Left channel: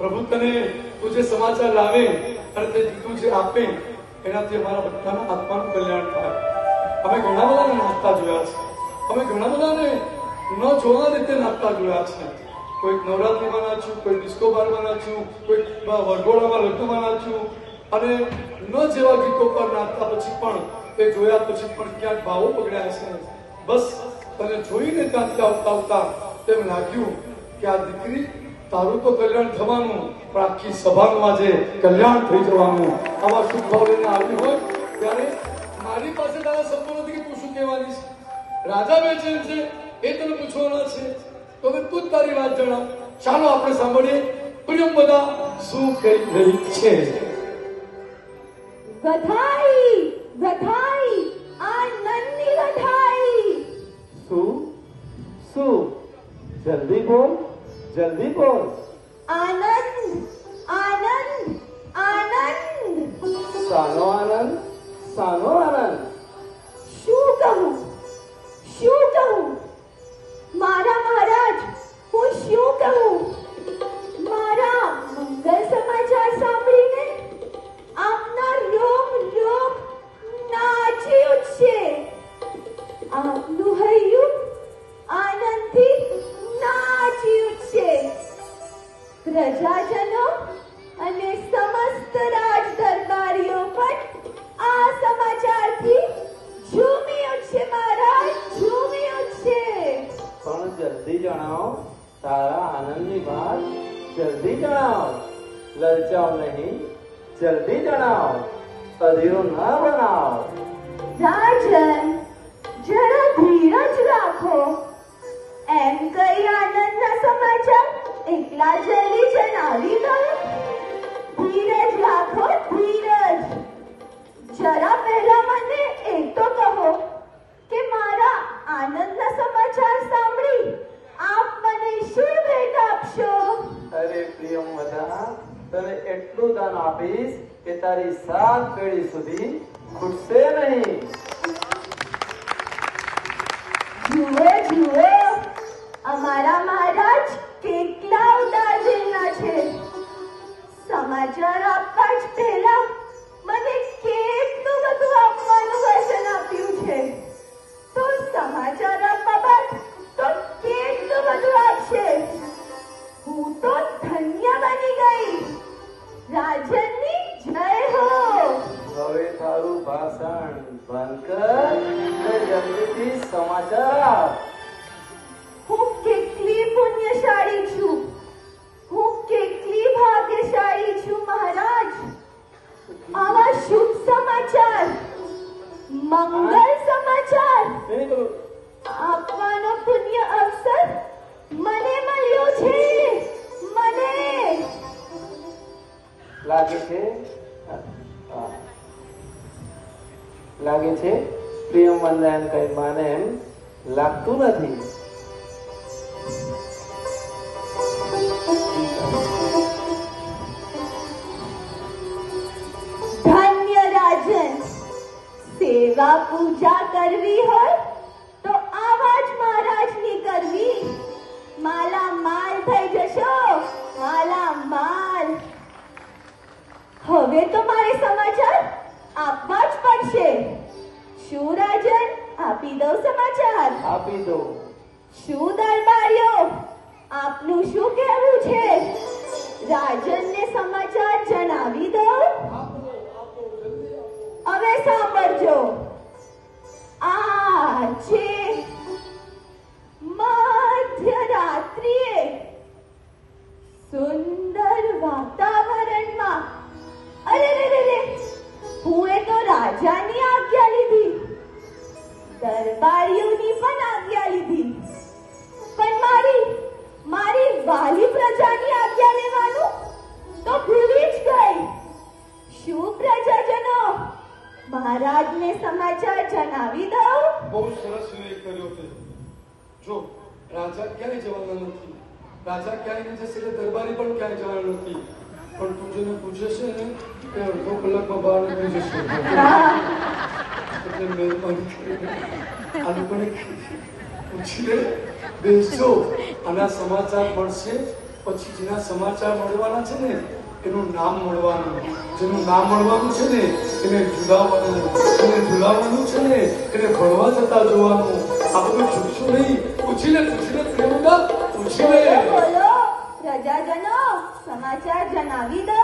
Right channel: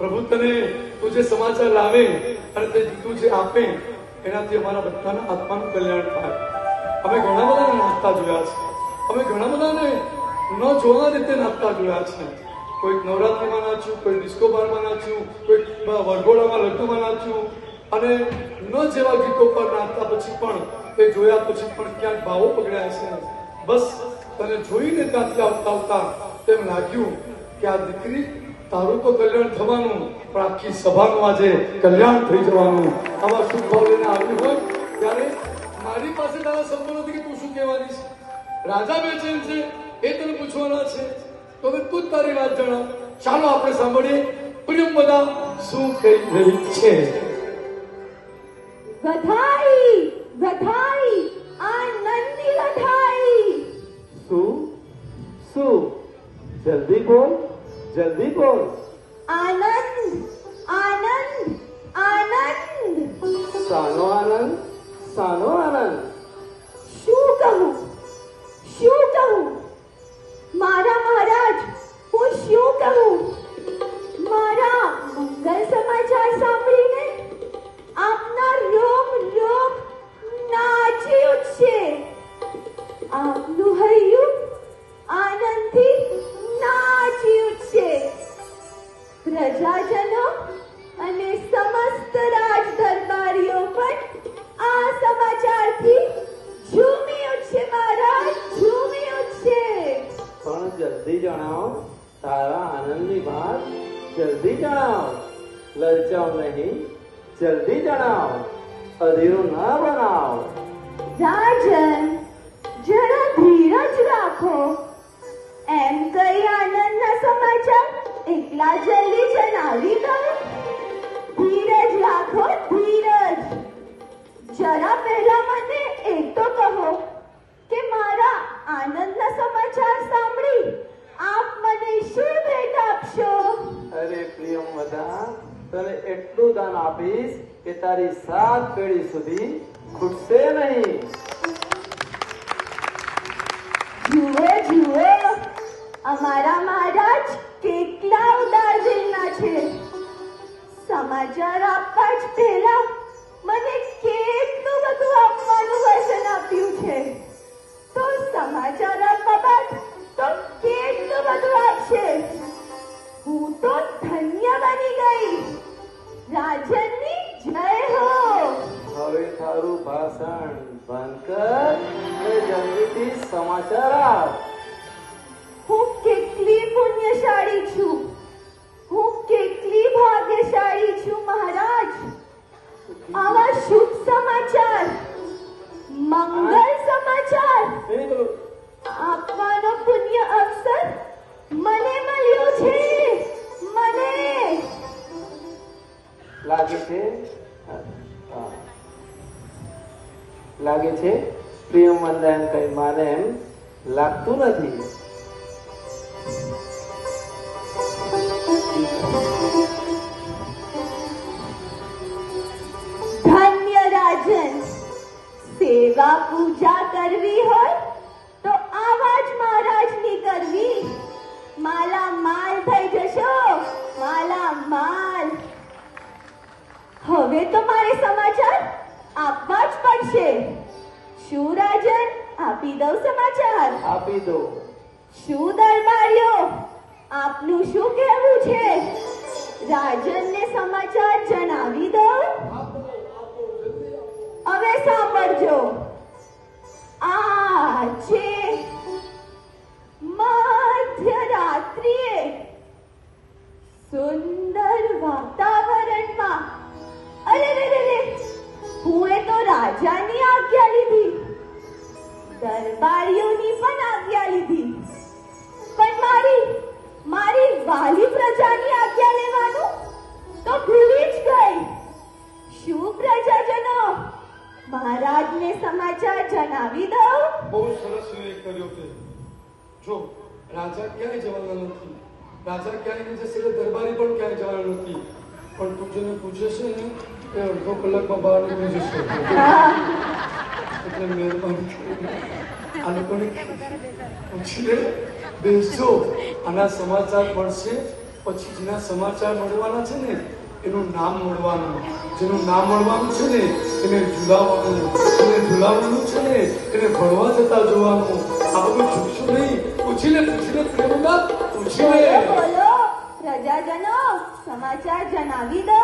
પ્રભુ તને તું જે સમાચાર લાવે અને તે તું જે આપે એનાથી અમારા બધાના આત્માનું કલ્યાણ થાય. અમે ઘણા બધાને નાચતા જોયા છે, અમે ઘણા બધાને ન જોવા રીતે નાચતા જોયા છે. કોઈક નવરાત્રીમાં નાચ્યું, કોઈ ડિસ્કો બારમાં નાચ્યું, કોઈક વરઘોડામાં લગ્નમાં નાચ્યું અને ન જેવા ગીતો પર નાચતા પછી પણ તે જોયા પછી પણ ક્યાંક ભાવો પકડ્યા છે. બસ તને જોઈને ત્યાંથી આવતા આવતા તેમ લાગ્યું કે આ દીકરી તારું તો કલ્યાણ થવાનું પણ આખી સભાનું આજે કલ્યાણ થઈ જવાનું. આવા શુભ ભાવ લઈને આવ્યું હોય ત્યારે મારી પાસે તારા શબ્દો નથી કે તું શું કહેવાની છે. રાજા બેચેન છે એ તને પૂછવાના છે તો હવે તું જ તારી વાત જણાવ. ચાલો આપણે સાંભળીએ પ્રિયંવદા શું કહી રહી છે. વધાઈ વધાઈ આનંદની વધાઈ. શું શું? જલ્દી બોલ, જલ્દી બોલ. આનંદ આનંદ આનંદ. શાનો આનંદ? શાનો આનંદ? શું કહું શું કહું મારા મહારાજ, હું શું કહું? મારા મંગલ સમાચાર સાંભળીને આપના રોમ રોમ નાચી ઉઠશે. આપનું હૈયું આનંદથી નાચી ઉઠશે. પ્રજાજનો અને સમસ્ત રાજ દરબારીઓ પણ આ સમાચારથી ઝૂમી ઉઠશે મહારાજ, ઝૂમી ઉઠશે. પણ જલ્દી જણાવ, તારા આનંદની વાત જલ્દી જણાવ. લલચાવ નહીં, જલ્દી જણાવ. અધીરો ના બનાવ. રાજન, જરા ધીરજ રાખો. એમ કઈ આનંદના સમાચાર એટલા જલ્દી જણાવી દો. ધીરજ રાખો, ધીરજ. જરા પહેલા મને એ તો કહો કે મારા આનંદના સમાચાર સાંભળી આપ મને શું ભેટ આપશો? અરે પ્રિયંવદા, તને એટલું દાન આપીશ કે તારી 7 પેઢી સુધી ખૂટશે નહીં. જુઓ જુઓ, અમારા મહારાજ કેટલા ઉદાર દિલના છે. સમાચાર આપવા જ પહેલા મને કેટલું બધું આપવાનું વચન આપ્યું છે. તો સમાચાર આપવા બાદ તો કેટલું બધું આપશે. હું તો ધન્ય બની ગઈ. રાજનની જય હો. હવે તારું ભાષણ બંધ કર અને જલ્દીથી સમાચાર આપ. હું કેટલી પુણ્યશાળી છું, હું કેટલી ભાગ્યશાળી છું મહારાજ. આવા શુભ સમાચાર, મંગલ સમાચાર આપવાનો પુણ્ય અવસર મને લાગે છે પ્રિયમવદા એમ કઈ માને એમ લાગતું નથી. ધન્ય રાજન, સેવા પૂજા કરવી હોય તો આવા જ મહારાજની કરવી. માલા માલ થઈ જશો, માલા માલ. હવે તો મારે સમાચાર આપવા જ પડશે. શું રાજન, આપી દઉં સમાચાર? આપી દો. શું દરબારીઓ, આપનું શું કહેવું છે? રાજનને સમાચાર જણાવી દઉં? હવે સાંભળજો. આજે મધ્યરાત્રિએ સુંદર વાતાવરણમાં, અરે રે રે રે, હું તો રાજાની આજ્ઞા લીધી, દરબારીઓની પણ આજ્ઞા લીધી, પણ મારી વાલી પ્રજાની આજ્ઞા લેવાનું તો ભૂલી જ ગઈ. શું પ્રજાજનો, મહારાજને સમાચાર જણાવી દઉં? બહુ સરસ ઉલ્લેખ કર્યો છે. જો રાજા ક્યાંય જવાના નથી, રાજા ક્યાંય જશે એટલે દરબારી પણ ક્યાંય જવાનું નથી. પણ તું જેને પૂછે છે ને એ અડધો કલાકમાં બહાર નીકળી જશે. એટલે મહેરબાની કરીને આ લોકોને પૂછી લે, બેસજો. આના સમાચાર મળશે પછી જેના સમાચાર મળવાના છે ને એનું નામ મળવાનું, જેનું નામ મળવાનું છે ને એને ઝુલાવવાનું, એને ઝુલાવવાનું છે ને એને ભણવા જતા જોવાનું. આ બધું છૂટશું નહીં. પૂછી લે પ્રેમના, પૂછી લે. બોલો પ્રજાજનો, સમાચાર જણાવી દો.